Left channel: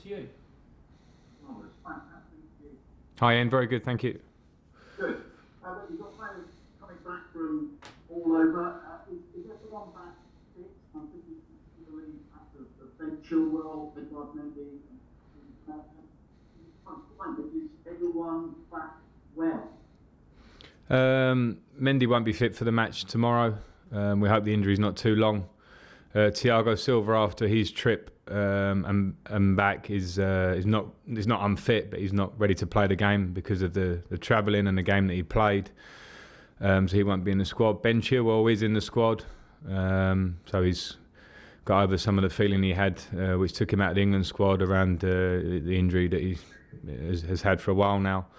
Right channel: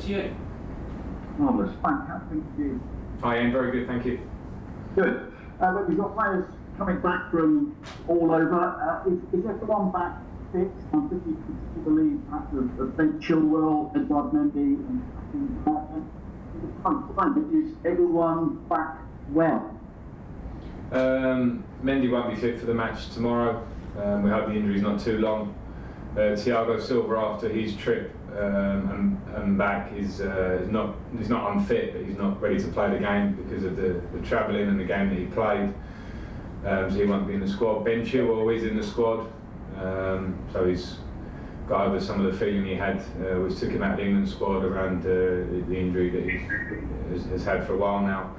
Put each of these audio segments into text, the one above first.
To you. Marvellous. Fantastic to you. Hi Ian, very good, thank you. Good. Look, we've got players coming back from all over. Is everyone back fit? I'm thinking to believe perhaps of Ben Chilwell, Edward Mendy and is everyone back well? Mendy won't be fit for the match tomorrow. We hope the injury's not too long. Thiago Silva, after his trip and back, is not unfit, but he's not ready to play the game because of the travelling and the game that he played. So he won't be in the squad. Ben Chilwell is in the squad, so he's got over some of the feeling he had, which took him out of the England squad around the injury that he has had for a while now.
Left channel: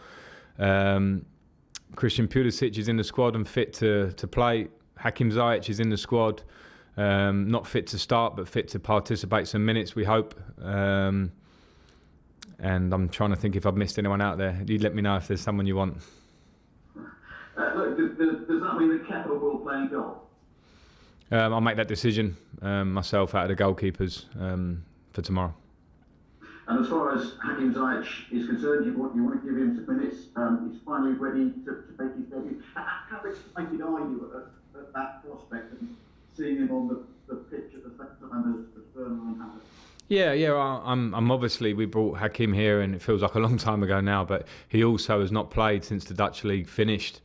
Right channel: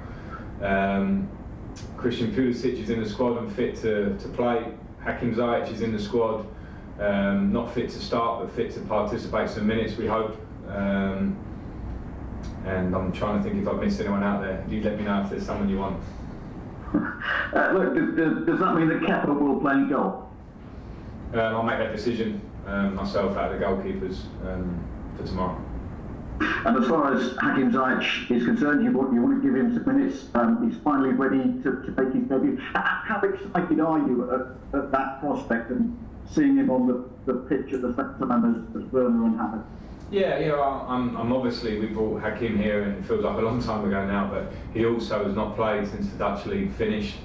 Christian Pulisic is in the squad and fit to play. Ziyech is in the squad. Not fit to start, but fit to participate some minutes, we hope. And I'm trying to think if I've missed anyone out there. You let me know if there's someone you want. Look, does that mean that Kepa will play in goal? I'll make that decision myself out of the goalkeepers for tomorrow. And as far as Ziyech is concerned, you want to give him some minutes. He's finally ready to make his debut. How excited are you at that prospect and seeing him on the pitch at the same time as Werner and Havertz? Yeah. I'm obviously, we brought Hakim here, and it feels like a long time ago now. But he also has not played since the Dutch league finished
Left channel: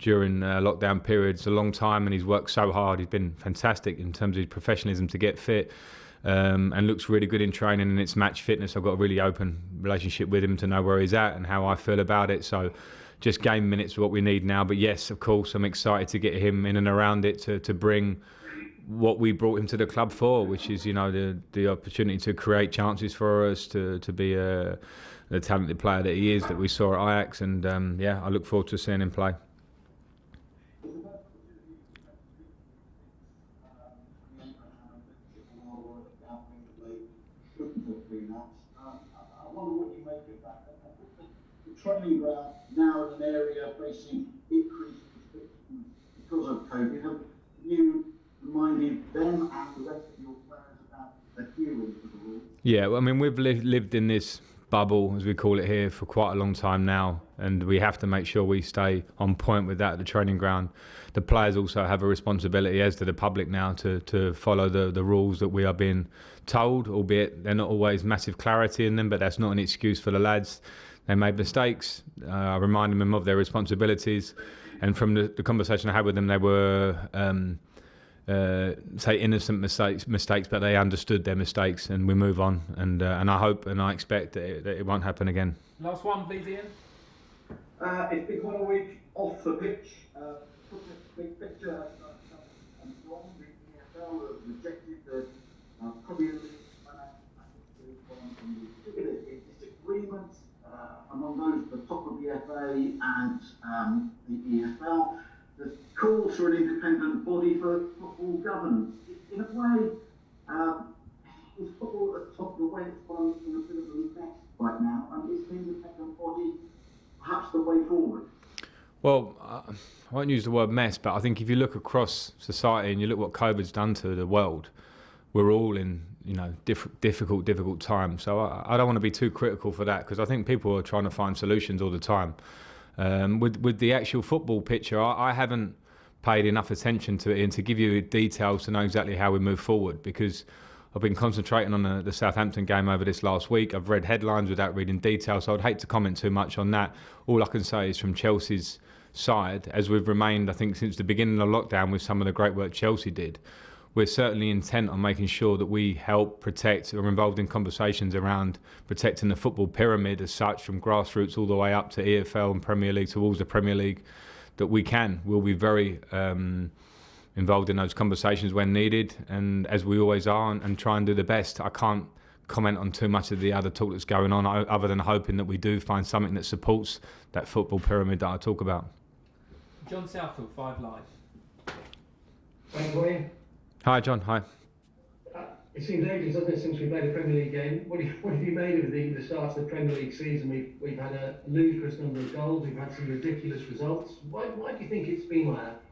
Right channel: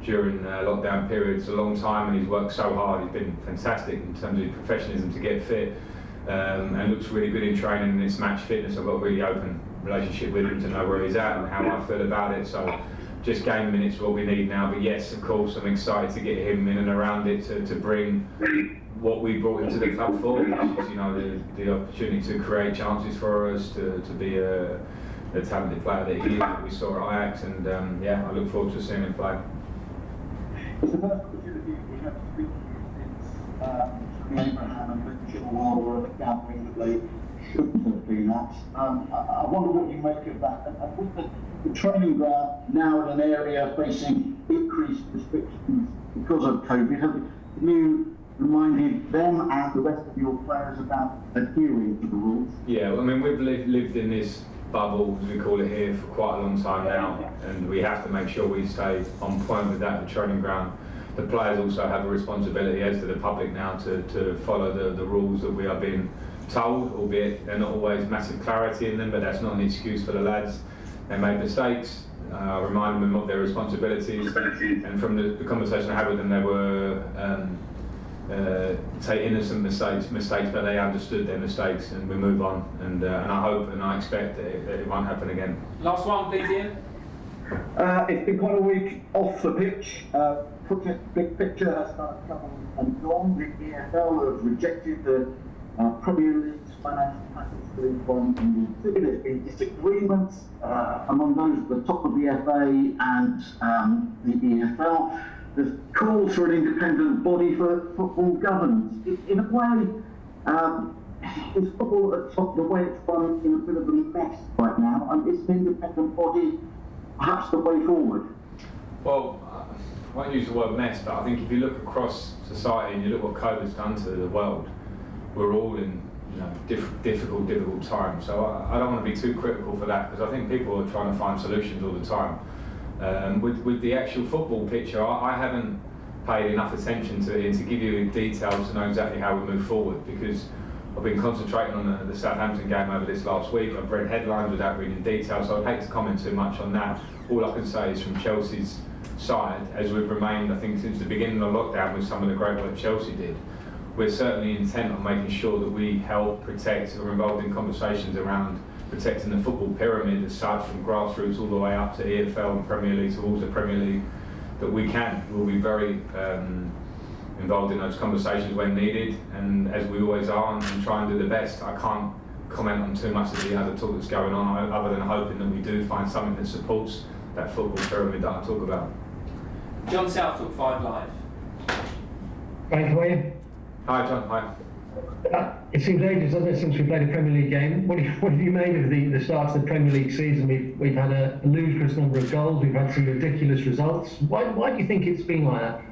during lockdown period. It's a long time, and he's worked so hard. He's been fantastic in terms of his professionalism to get fit, and looks really good in training and its match fitness. I've got a really open relationship with him to know where he's at and how I feel about it. So just game minutes is what we need now. But yes, of course, I'm excited to get him in and around it to bring what we brought him to the club for, which is, the opportunity to create chances for us, to be the talented player that he is, that we saw at Ajax. And I look forward to seeing him play. It's the first opportunity we have to speak to you since Abraham and Ben Chilwell were at the gathering that they shouldn't have been at. I wonder what you make of that. And with the training ground now in an area facing increased restrictions because of COVID, have you reminded them and the rest of your players about adhering to the rules? Yeah, well, I mean, we've lived in this bubble, as we call it here, for quite a long time now, and we have to make sure we stay on point with that at the training ground. The players also have a responsibility, as do the public now, to follow the rules that we are being told, albeit they're not always massive clarity in them, but that's not an excuse for the lads. They made mistakes. I reminded them of their responsibilities, and from the conversation I had with them, they were say innocent mistakes, but they understood their mistakes, and we move on. And I hope and I expect that it won't happen again. Last one, please, Ian. It's been quite a week off the pitch. Looking at the big picture has started coming and gone. The EFL have rejected the Premier League's financial package for League One and League Two. There's been disagreements among those at the top of the FA and the EFL. There's calls for an independent body for football governance. In a way, is football at the top, the way it's run, in a bit of a mess right now, and is an independent body perhaps the way forward? Well, I won't use the word mess, but I think if you look across society and you look what COVID's done to the world, we're all in difficult times. So I don't want to be too critical for that, because I think people are trying to find solutions all the time. With the actual football picture, I haven't paid enough attention to it and to give you details to know exactly how we move forward, because I've been concentrating on the Southampton game over this last week. I've read headlines without reading details, so I'd hate to comment too much on that. All I can say is from Chelsea's side, as we've remained, I think, since the beginning of lockdown with some of the great work Chelsea did, we're certainly intent on making sure that we help protect, or involved in conversations around protecting the football pyramid as such, from grassroots all the way up to EFL and Premier League towards the Premier League, that we can. We'll be very involved in those conversations when needed, and as we always are, and try and do the best. I can't comment on too much of the other talk that's going on, other than hoping that we do find something that supports that football pyramid that I talk about. John Southall, 5 Live. Frank, how are you? Hi John, hi. It seems ages, doesn't it, since we played a Premier League game. What have you made of the start of the Premier League season? We've had a ludicrous number of goals, we've had some ridiculous results. Why do you think it's been like that?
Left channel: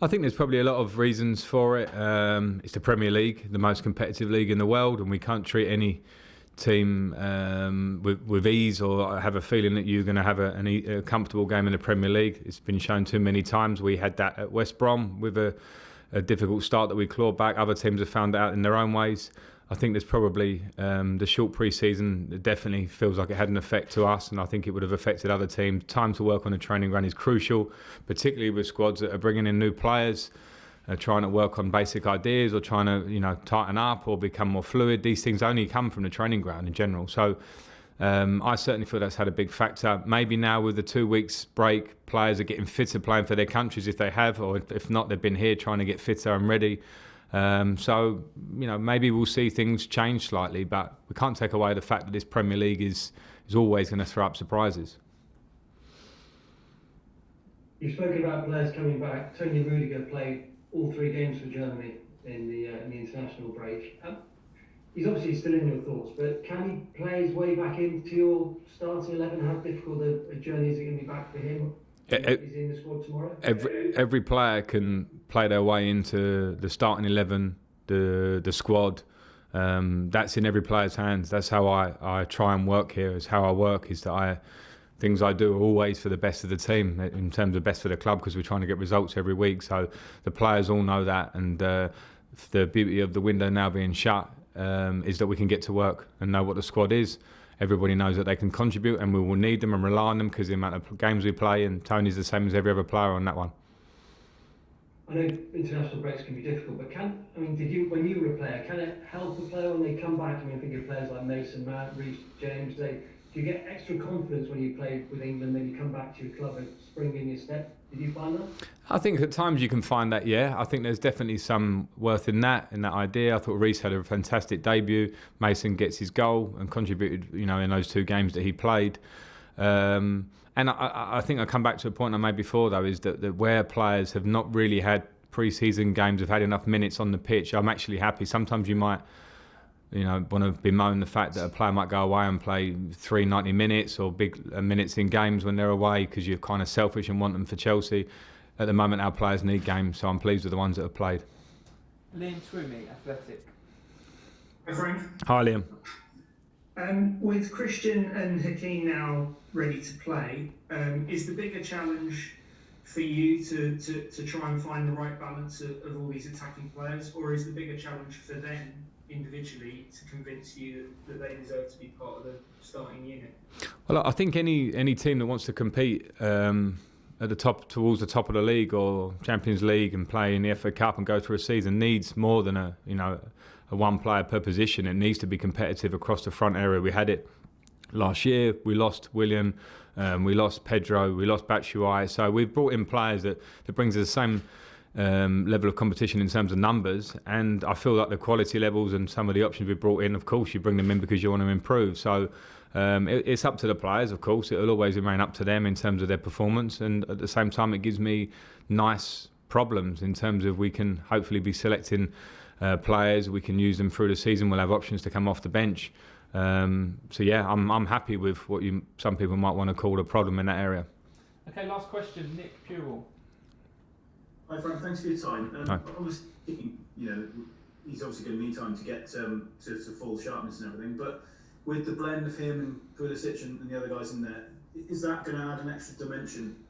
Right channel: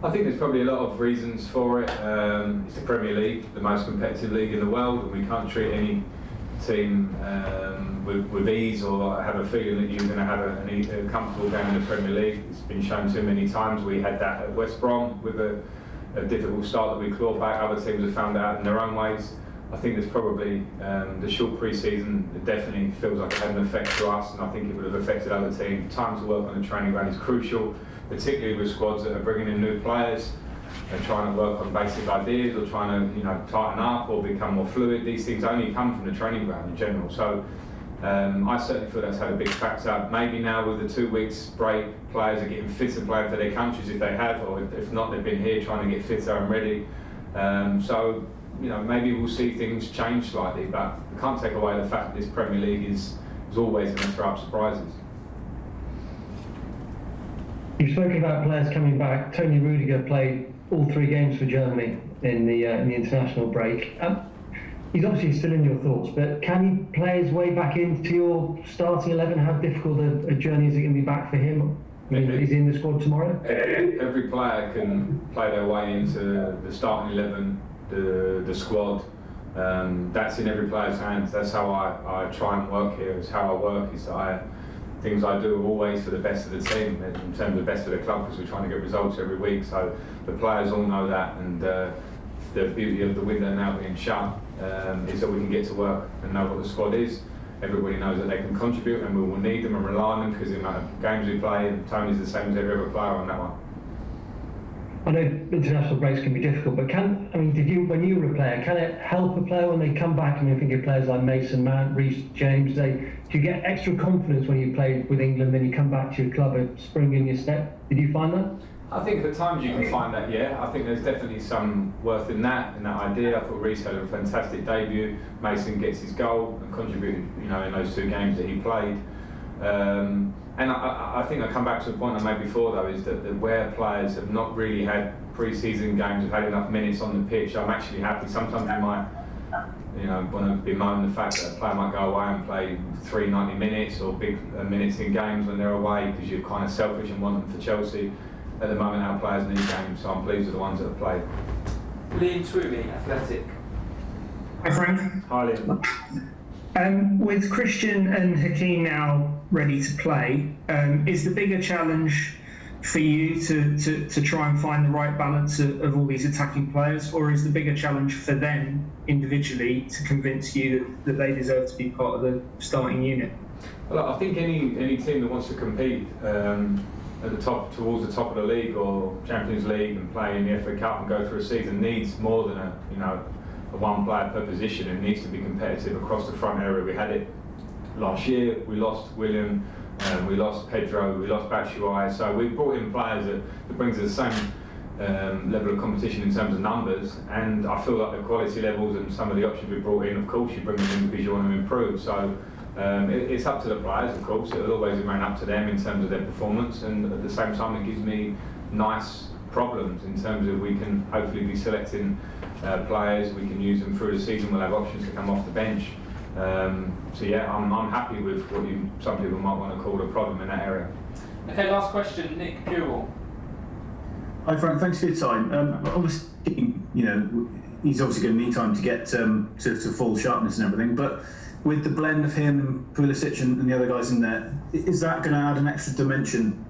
I think there's probably a lot of reasons for it. It's the Premier League, the most competitive league in the world, and we can't treat any team with ease, or have a feeling that you're going to have a comfortable game in the Premier League. It's been shown too many times. We had that at West Brom with a difficult start that we clawed back. Other teams have found it out in their own ways. I think there's probably the short pre-season definitely feels like it had an effect to us, and I think it would have affected other teams. Time to work on the training ground is crucial, particularly with squads that are bringing in new players, trying to work on basic ideas, or trying to tighten up or become more fluid. These things only come from the training ground in general. So I certainly feel that's had a big factor. Maybe now with the 2 weeks break, players are getting fitter, playing for their countries if they have, or if not, they've been here trying to get fitter and ready. So maybe we'll see things change slightly, but we can't take away the fact that this Premier League is always going to throw up surprises. You've spoken about players coming back. Tony Rudiger played all 3 games for Germany in the international break. He's obviously still in your thoughts, but can he play his way back into your starting 11? How difficult a journey is it going to be back for him? Is he in the squad tomorrow? Every player can play their way into the starting 11, the squad. That's in every player's hands. That's how I try and work here. It's how I work, is that things I do are always for the best of the team, in terms of best for the club, because we're trying to get results every week. So the players all know that, and the beauty of the window now being shut is that we can get to work and know what the squad is. Everybody knows that they can contribute, and we will need them and rely on them because the amount of games we play, and Tony's the same as every other player on that one. I know international breaks can be difficult, but when you were a player, can it help a player when they come back? I think of players like Mason Mount, Reece James. Do you get extra confidence when you play with England, then you come back to your club and spring in your step? Did you find that? I think at times you can find that, yeah. I think there's definitely some worth in that idea. I thought Reece had a fantastic debut. Mason gets his goal and contributed, in those 2 games that he played. And I think I come back to a point I made before, though, is that where players have not really had pre-season games, have had enough minutes on the pitch, I'm actually happy. Sometimes you might, want to bemoan the fact that a player might go away and play 90 minutes or big minutes in games when they're away because you're kind of selfish and want them for Chelsea. At the moment, our players need games, so I'm pleased with the ones that have played. Liam Twomey, Athletic. Hi Frank. Hi Liam. With Christian and Hakeem now ready to play, is the bigger challenge for you to try and find the right balance of all these attacking players, or is the bigger challenge for them individually to convince you that they deserve to be part of the starting unit? Well, I think any team that wants to compete at the top, towards the top of the league or Champions League, and play in the FA Cup and go through a season, needs more than a one player per position. It needs to be competitive across the front area. We had it last year. We lost William, we lost Pedro, we lost Batshuayi. So we've brought in players that brings us the same level of competition in terms of numbers, and I feel like the quality levels and some of the options we've brought in, of course you bring them in because you want to improve. So it's up to the players, of course. It'll always remain up to them in terms of their performance, and at the same time it gives me nice problems in terms of we can hopefully be selecting players. We can use them through the season. We'll have options to come off the bench. So yeah, I'm happy with what some people might want to call a problem in that area. Okay, last question, Nick Jewell. Hi Frank, thanks for your time. Obviously, he's obviously going to need time to get to full sharpness and everything, but with the blend of him, Pulisic and the other guys in there, is that going to add an extra dimension,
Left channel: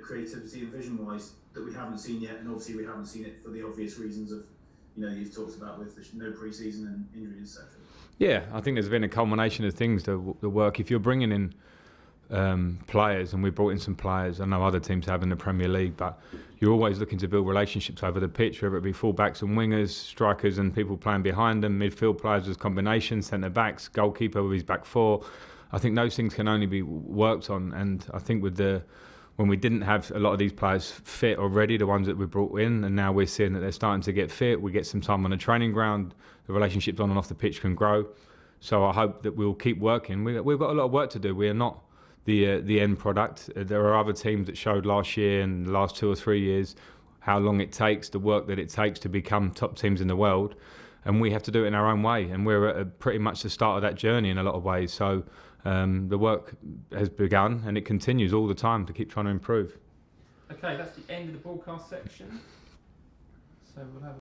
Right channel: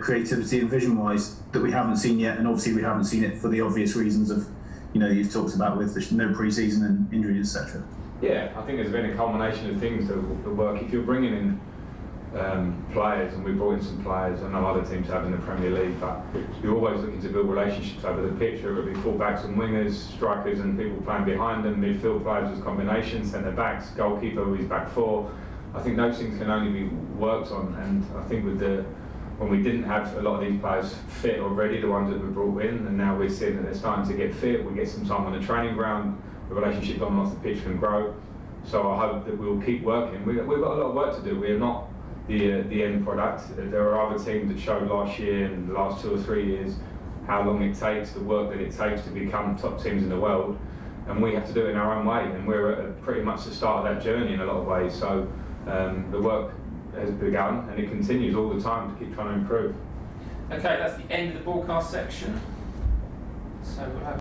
creativity and vision-wise, that we haven't seen yet? And obviously we haven't seen it for the obvious reasons of, you've talked about with no pre-season and injuries, etc. Yeah, I think there's been a culmination of things that work. If you're bringing in players, and we brought in some players, I know other teams have in the Premier League, but you're always looking to build relationships over the pitch, whether it be full-backs and wingers, strikers and people playing behind them, midfield players as combinations, centre-backs, goalkeeper who is back four. I think those things can only be worked on, and I think when we didn't have a lot of these players fit already, the ones that we brought in, and now we're seeing that they're starting to get fit, we get some time on the training ground, the relationships on and off the pitch can grow. So I hope that we'll keep working. We've got a lot of work to do. We are not the end product. There are other teams that showed last year and the last 2 or 3 years how long it takes, the work that it takes to become top teams in the world, and we have to do it in our own way, and we're at pretty much the start of that journey in a lot of ways. So the work has begun and it continues all the time to keep trying to improve. Okay, that's the end of the broadcast section. So we'll have